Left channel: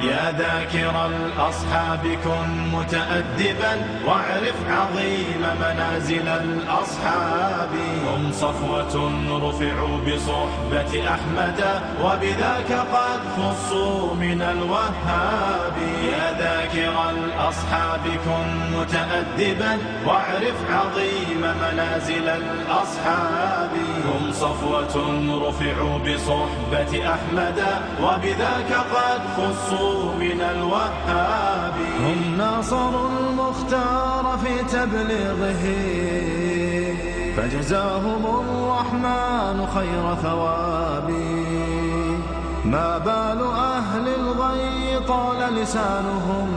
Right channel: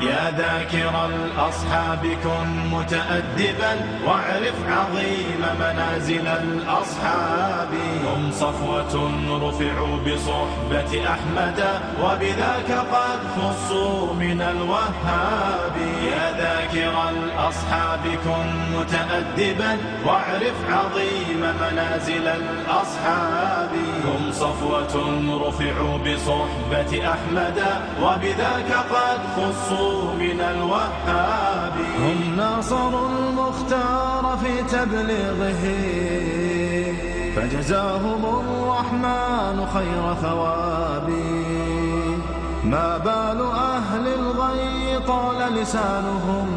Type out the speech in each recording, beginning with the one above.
يا ذاكر الأصحاب كن متأدبا واعرف عظيم منازل الأصحاب. هم صفوة رفعوا بصحبة أحمد وبذاك قد خصوا من الوهاب. يا ذاكر الأصحاب كن متأدبا واعرف عظيم منازل الأصحاب. هم صفوة رفعوا بصحبة أحمد وبذاك قد خصوا من الوهاب. هم ناصروا المختار في تبليغه فجزاهم الرحمن خير ثواب. ما بال أهل الغي طال لسانهم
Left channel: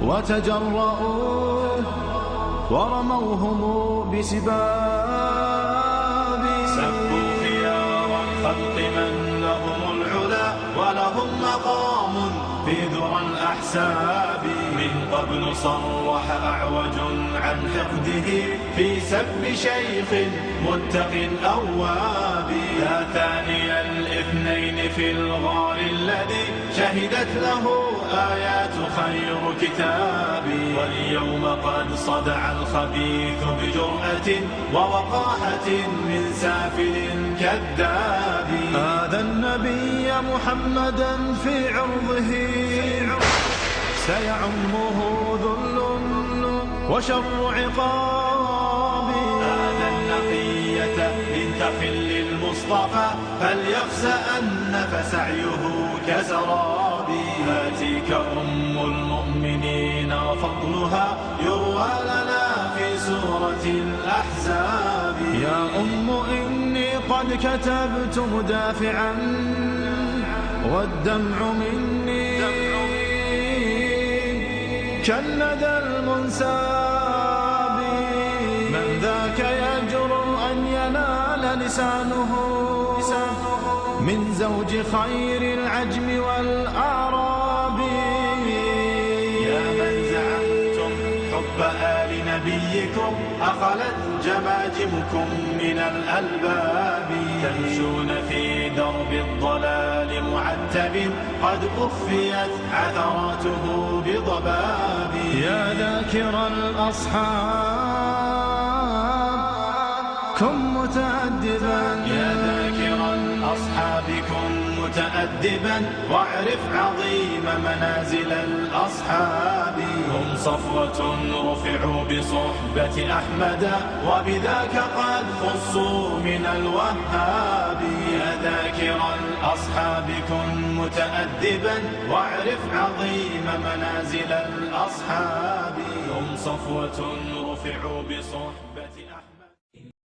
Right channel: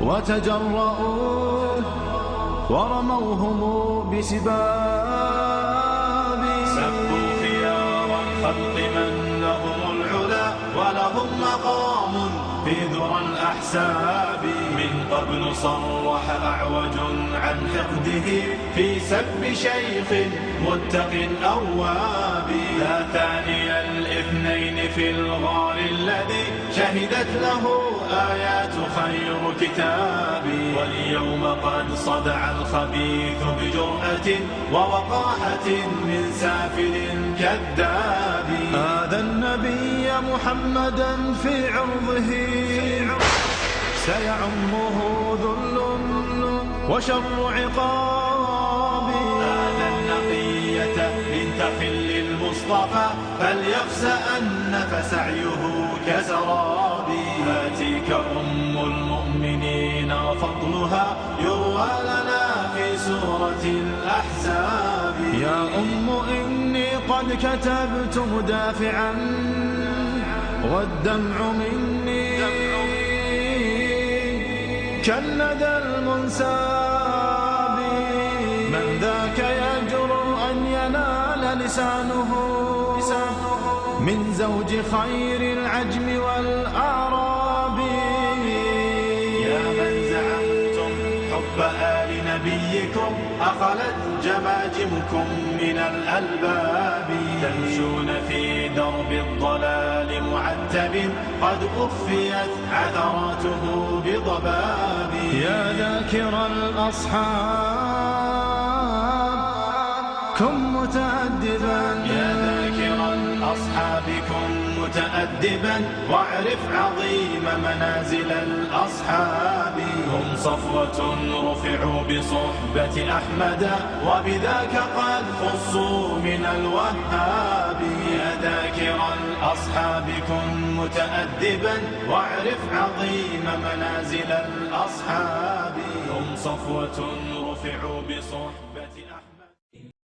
وتجرؤوا ورموهم بسباب. سبوا خيار الخلق من لهم العلا ولهم مقام في ذرى الأحساب. من قبل صرح أعوج عن حقده في سب شيخ متق أواب. يا ثاني الاثنين في الغار الذي شهدت له آيات خير كتاب. واليوم قد صدع الخبيث بجرأة ووقاحة من سافل كذاب. هذا النبي محمدا في عرضه سيعمه ذل وشر عقاب. هذا النقية بنت خل المصطفى فليخسأن فسعيه كسراب. هاتيك أم المؤمنين فضلها يروى لنا في سورة الأحزاب. يا أم إني قد كتبت مدافعا والدمع مني كالندى المنساب. من ذاك يجرؤ أن ينال لسانه من زوج خير العجم والأعراب. يا من زعمتم حب آل نبيكم أخلت جماجمكم من الألباب. تمشون في درب الضلال معتب قد أخفيت عثراته بضباب. يا ذاكر الأصحاب كن متأدبا. يا ذاكر الأصحاب كن متأدبا واعرف عظيم منازل الأصحاب. هم صفوة رفعوا بصحبة أحمد وبذاك قد خصوا من الوهاب. يا ذاكر الأصحاب كن متأدبا واعرف عظيم منازل الأصحاب. هم صفوة رفعوا بصحبة أحمد